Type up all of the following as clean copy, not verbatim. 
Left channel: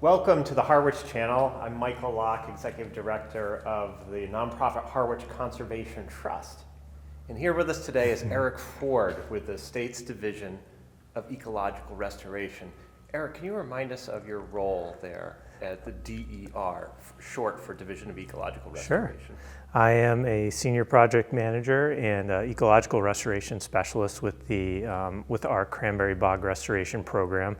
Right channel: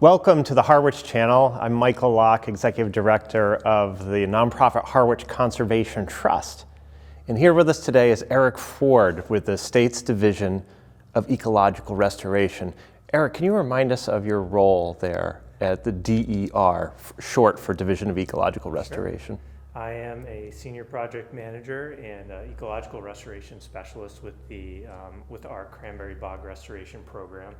Welcome to the Harwich Channel. I'm Michael Lach, Executive Director of the nonprofit Harwich Conservation Trust. And here with us today is Eric Ford with the state's Division of Ecological Restoration. Eric, can you remind us of your role there at the DER, short for Division of Ecological Restoration? Sure. I am a senior project manager and ecological restoration specialist with our Cranberry Bog Restoration Program.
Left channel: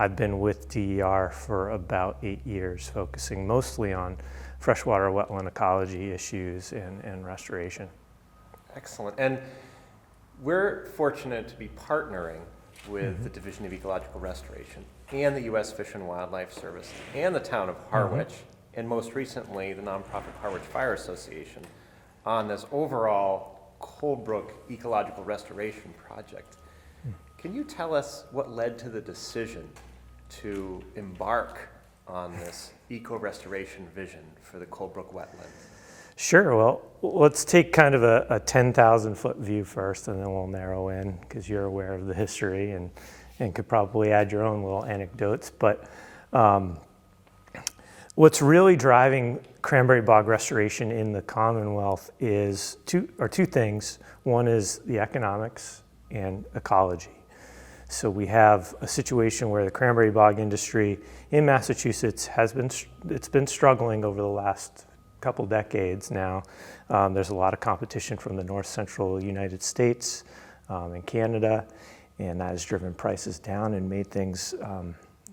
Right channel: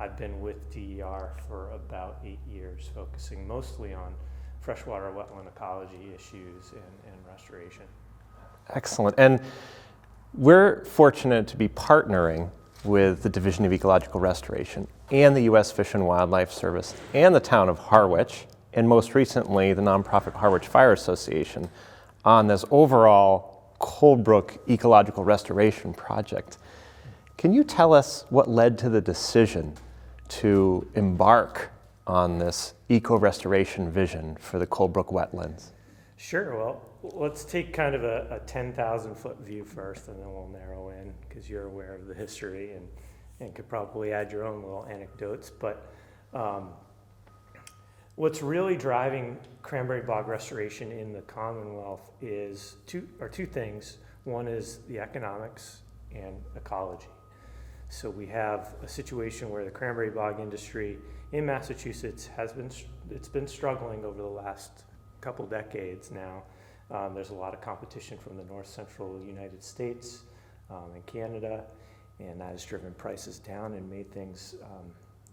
I've been with DER for about 8 years, focusing mostly on freshwater wetland ecology issues and restoration. Excellent. And we're fortunate to be partnering with the Division of Ecological Restoration and the U.S. Fish and Wildlife Service and the town of Harwich, and most recently the nonprofit Harwich Fire Association, on this overall Cold Brook ecological restoration project. Can you tell us what led to the decision to embark on this eco-restoration vision for the Cold Brook wetlands? Sure. Well, let's take kind of a 10,000-foot view first, and then we'll narrow in, because you're aware of the history and could probably add your own little anecdotes. But what's really driving cranberry bog restoration in the Commonwealth is two things. One is the economics and ecology. So we have a situation where the cranberry bog industry in Massachusetts it's been struggling over the last couple decades now. There's a lot of competition from the north central United States and Canada, and that has driven prices down and made things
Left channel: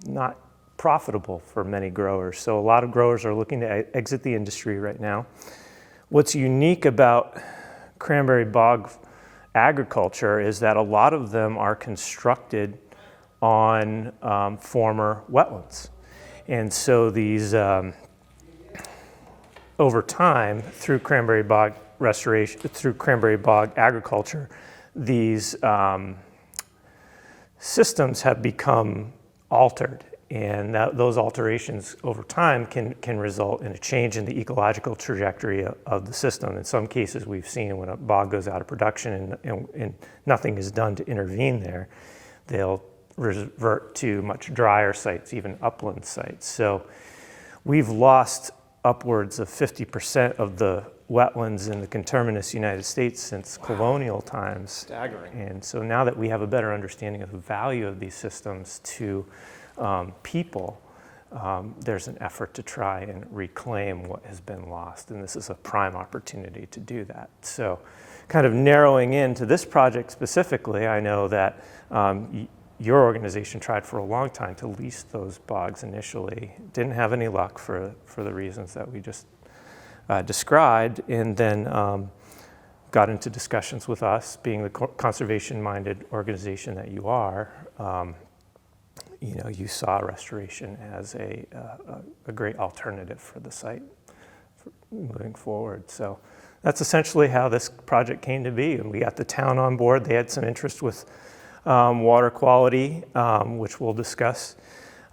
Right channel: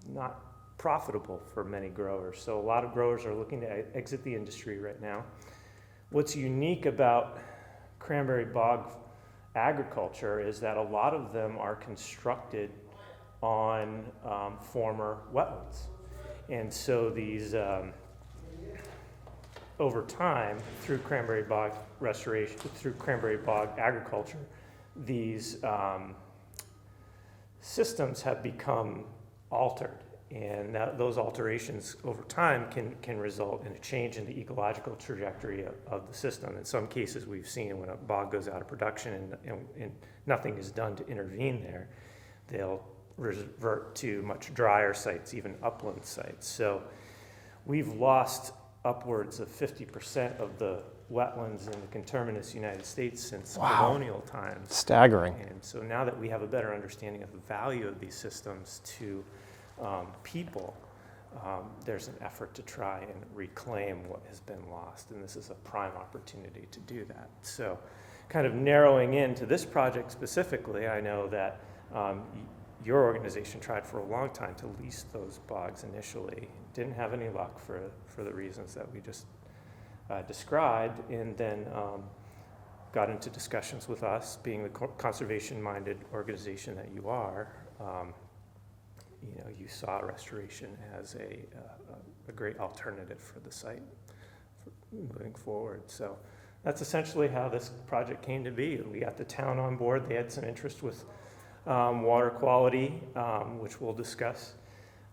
not profitable for many growers. So a lot of growers are looking to exit the industry right now. What's unique about cranberry bog agriculture is that a lot of them are constructed on former wetlands. And so these, over time, through cranberry bog restoration, through cranberry bog agriculture, these systems have become altered. And those alterations over time can result in a change in the ecological trajectory of the system. In some cases, we've seen when a bog goes out of production and nothing is done to intervene there, they'll revert to much drier sites, even upland sites. So we've lost upwards of 50% of the wetlands in the conterminous United States since colonial times. Staggering. And so now that we have a better understanding of the value of these systems to people, there's an effort to try and reclaim what has been lost, and this is a prime opportunity to do that. So kind of narrowing into this project specifically, I know that your organization tried for a long time to lease those bogs initially, didn't have any luck for the reasons that we just described, and then got into discussions with us, being the conservation-minded organization that you are. You saw restoration as a great alternative for the site for moving forward. So that's essentially how this project came to be. And we got the town on board. They had some interest with water quality, which we'll discuss.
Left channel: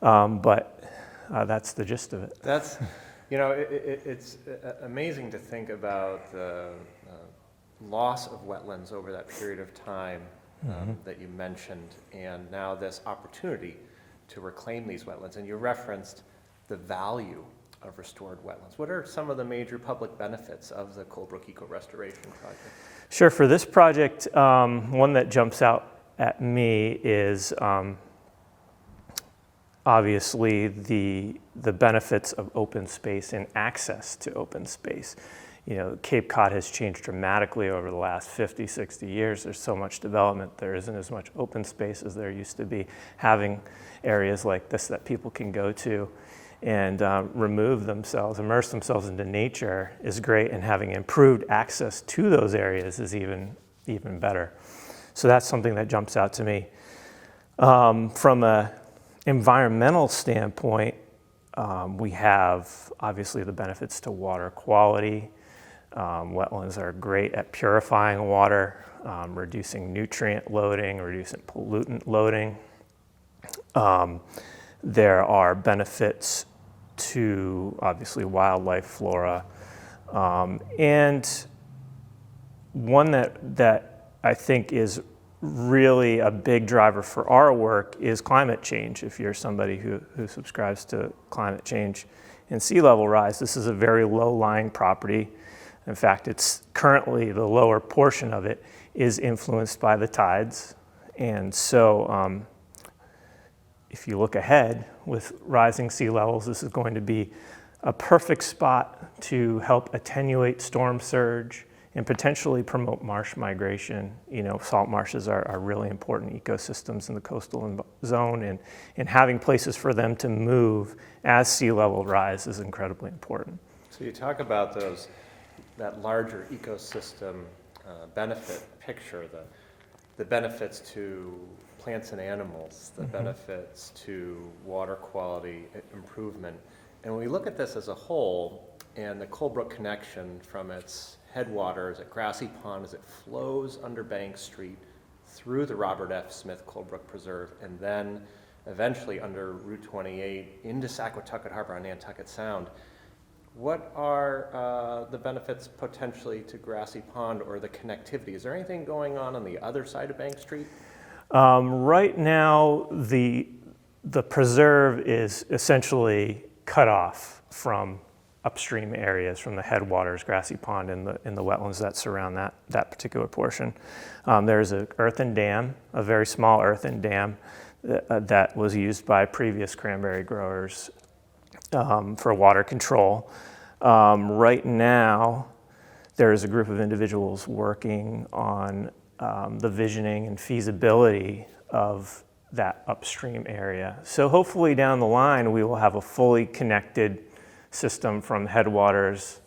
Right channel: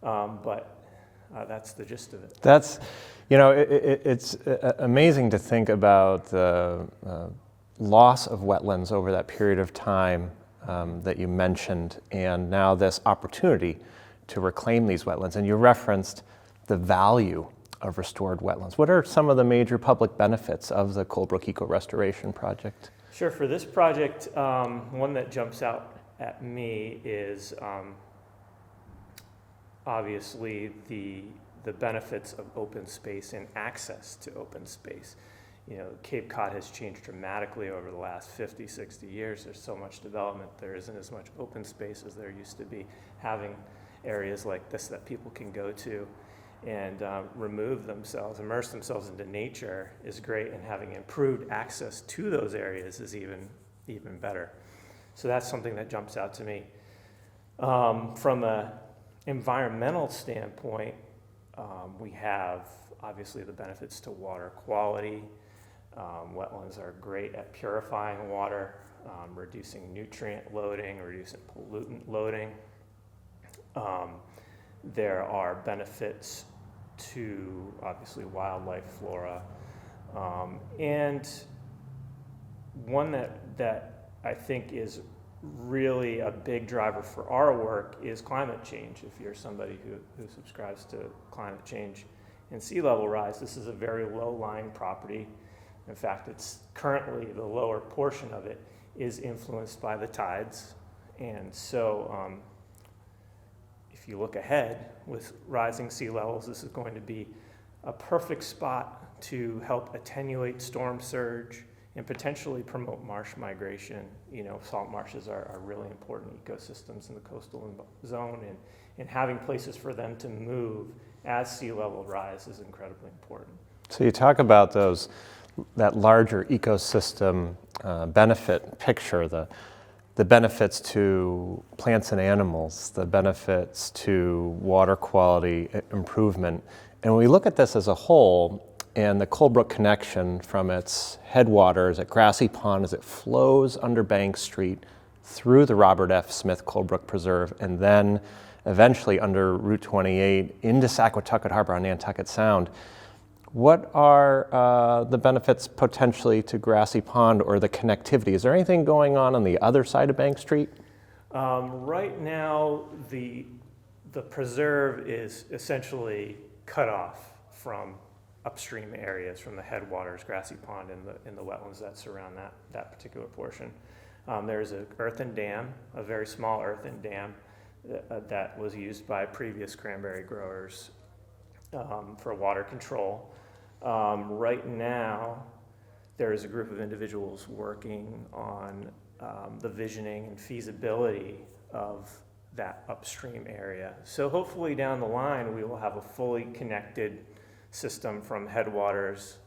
But that's the gist of it. That's, it's amazing to think about the loss of wetlands over that period of time that you mentioned, and now this opportunity to reclaim these wetlands. And you referenced the value of restored wetlands. What are some of the major public benefits of the Cold Brook Eco Restoration Project? Sure. For this project, one that jumps out at me is obviously the benefits of open space and access to open space. Cape Cod has changed dramatically over the last 50, 60 years. There's so much development. There isn't as much open space as there used to be. Having areas like this that people can go to and immerse themselves into nature is great, and having improved access to those areas is even better. So that's something that jumps out to me. From an environmental standpoint, we have obviously the benefits to water quality. Wetlands are great at purifying water, reducing nutrient loading, reducing pollutant loading. There are benefits to obviously wildlife, flora, and one that I think is really a big driver for our work is climate change. If you're somebody who subscribes to climate change and sea level rise, this is a very low-lying property. In fact, it's currently the lower portion of it is influenced by the tides. And so if you look ahead with rising sea levels, this is going to be a perfect spot to help attenuate storm surge and potentially promote marsh migration. You know, salt marshes are really important ecosystems in the coastal zone, and having places for them to move as sea level rise is incredibly important. So you talk about that larger ecosystem benefit picture, the benefits to plants and animals, the benefits to water quality improvement. And when we look at this as a whole, and the Cold Brook connection from its headwaters at Grassy Pond as it flows under Bank Street through the Robert F. Smith Cold Brook Preserve, and then eventually under Route 28 into Saquatucket Harbor on Nantucket Sound, what are the benefits potentially to Grassy Pond or the connectivity? Is there anything going on the other side of Bank Street? Right now, the preserve is essentially cut off from upstream areas, from the headwaters, Grassy Pond, and the wetlands that surround that particular portion. There's an earthen dam, a very small earthen dam that was used by previous cranberry growers for water control. Right now, there is a group of individuals working on the visioning and feasibility of that upstream area. So hopefully down the line, we will have a fully connected system from headwaters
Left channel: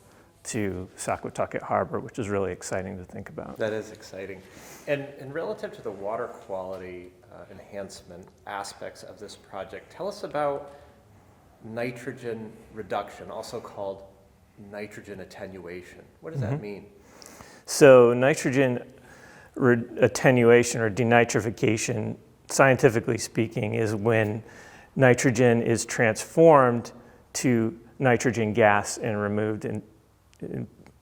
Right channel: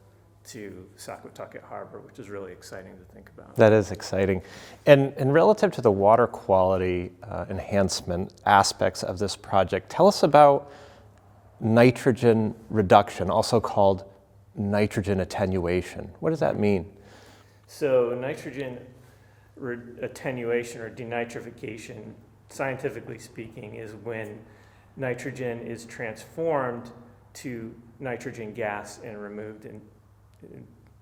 to Saquatucket Harbor, which is really exciting to think about. That is exciting. And relative to the water quality enhancement aspects of this project, tell us about nitrogen reduction, also called nitrogen attenuation. What does that mean? So nitrogen attenuation or denitrification, scientifically speaking, is when nitrogen is transformed to nitrogen gas and removed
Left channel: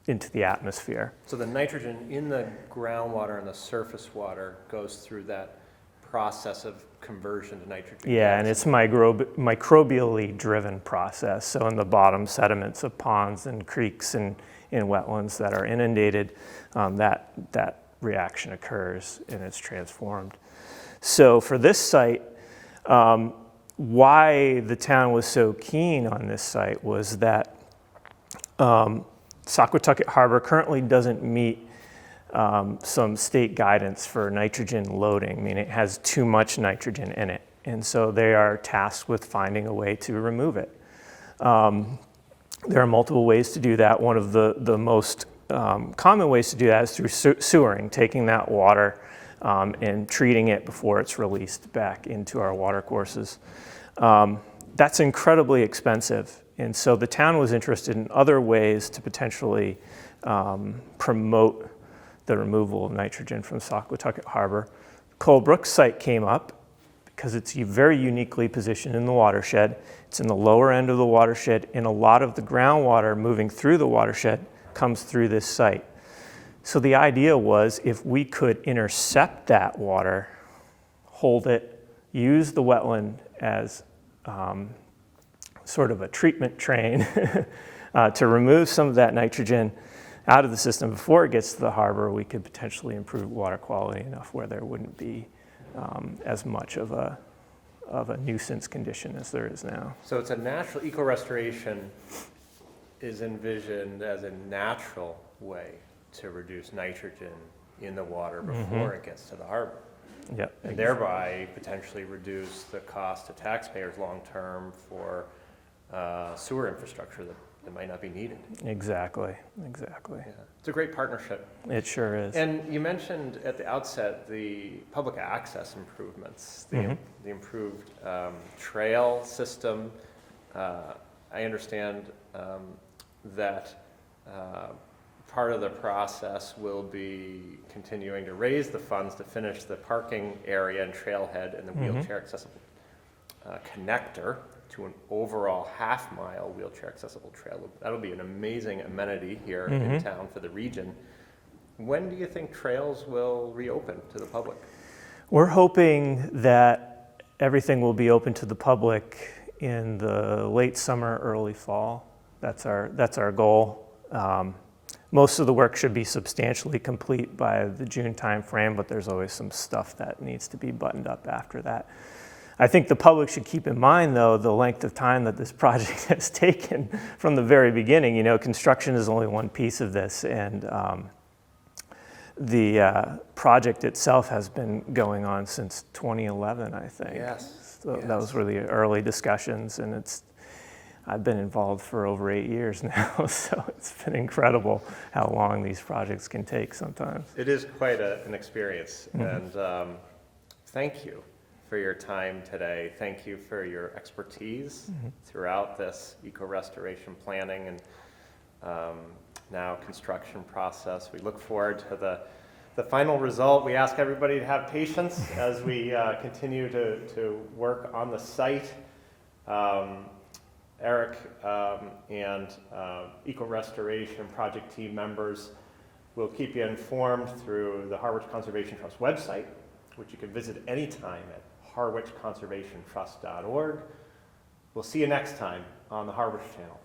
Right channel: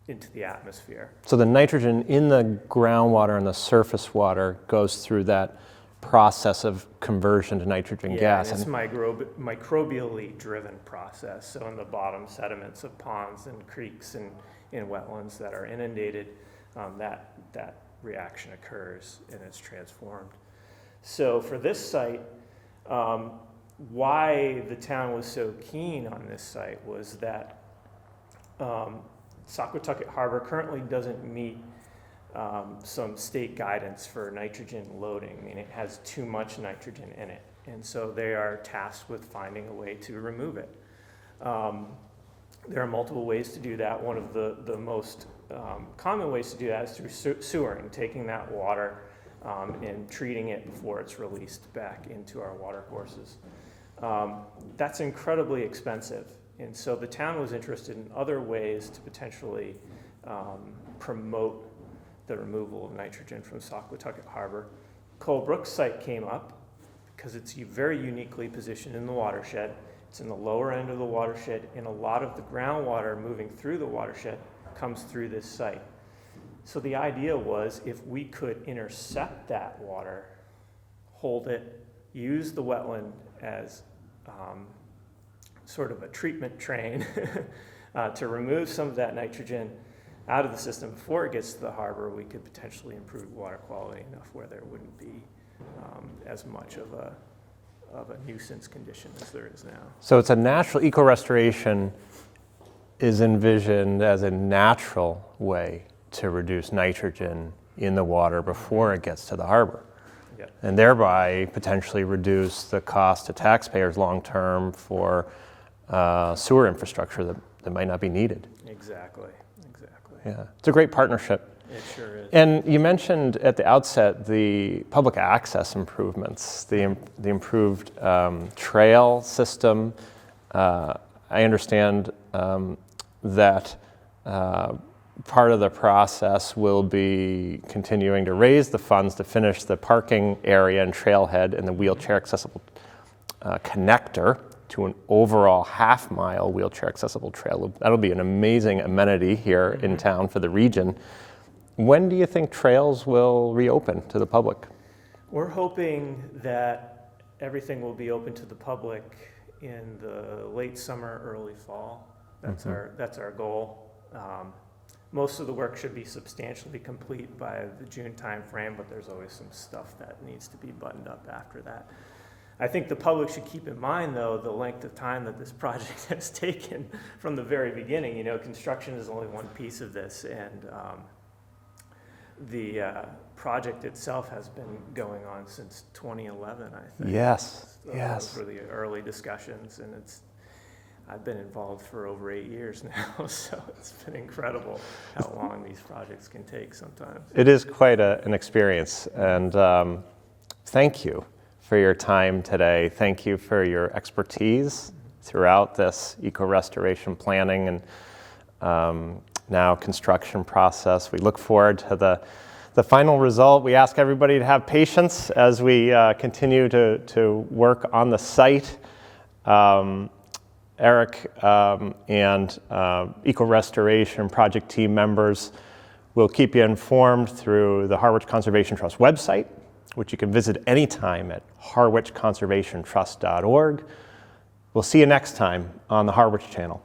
into the atmosphere. So the nitrogen in the groundwater and the surface water goes through that process of conversion to nitrogen gas. Yeah, and it's microbially driven process. So in the bottom sediments of ponds and creeks and wetlands that are inundated, that reaction occurs and it's transformed. So for this site, why the town was so keen on this site was that Saquatucket Harbor currently doesn't meet some state guidance for nitrogen loading. I mean, it has too much nitrogen in it. And so they are tasked with finding a way to remove it. There are multiple ways to do that. One of the most common ways to do that is through sewering, taking that water and treating it before it's released back into our water courses. That's incredibly expensive. And so the town was interested in other ways to potentially promote the removal of nitrogen from Saquatucket Harbor. Cold Brook site came up because it's very uniquely positioned in the watershed. It's in the lower end of the watershed, and a lot of the groundwater moving through the watershed comes through this site. So the idea was if we could intercept that water, hold it, use the wetland as sort of a treatment train to remove some of that nitrogen out of the system before it gets to the harbor, we could potentially improve water quality enough where there wouldn't be as much of a nuisance condition as there is now. So it's a natural, eco-restoration is envisioned as a natural way to reduce nitrogen in the water before it gets to the harbor. Yep. And thereby potentially reduce the cost to taxpayers long-term for sewer infrastructure that might not be needed. Exactly. Yeah, it's a great partnership. It sure is. And you mentioned at the outset the public access improvements, the improved trail system. I understand that part of the process will be continuing to raise the funds to finish the parking area and trailhead and the wheelchair accessible connector to an overall half-mile wheelchair accessible trail. That'll be an amazing amenity here in town for the region. When do you think trails will reopen to the public? We're hoping that everything will be open to the public in the late summer, early fall. That's our goal. Most of the work should be substantially complete by the June timeframe, but there's always some stuff that needs to be buttoned up after that. I think the public should keep in mind, though, the length of time that this project has taken from the very beginning. You know, construction is only one piece of this, and the project itself has been going on since 2011, I think. Yes. So yes. Those were the early discussions, and I've been involved for over 8 years now, so it's been incredible how long these projects can take sometimes. It is quite an experience, and thank you for your time today. Thank you for your expertise throughout this eco-restoration planning and now construction process. We look forward to the final result. We ask everybody to have patience as we continue to work on the site. Eric and eco-restoration project team members will keep you informed through the Harwich Conservation Trust website, which you can visit anytime at harwichconservationtrust.org. We'll see you next time on the Harwich Channel.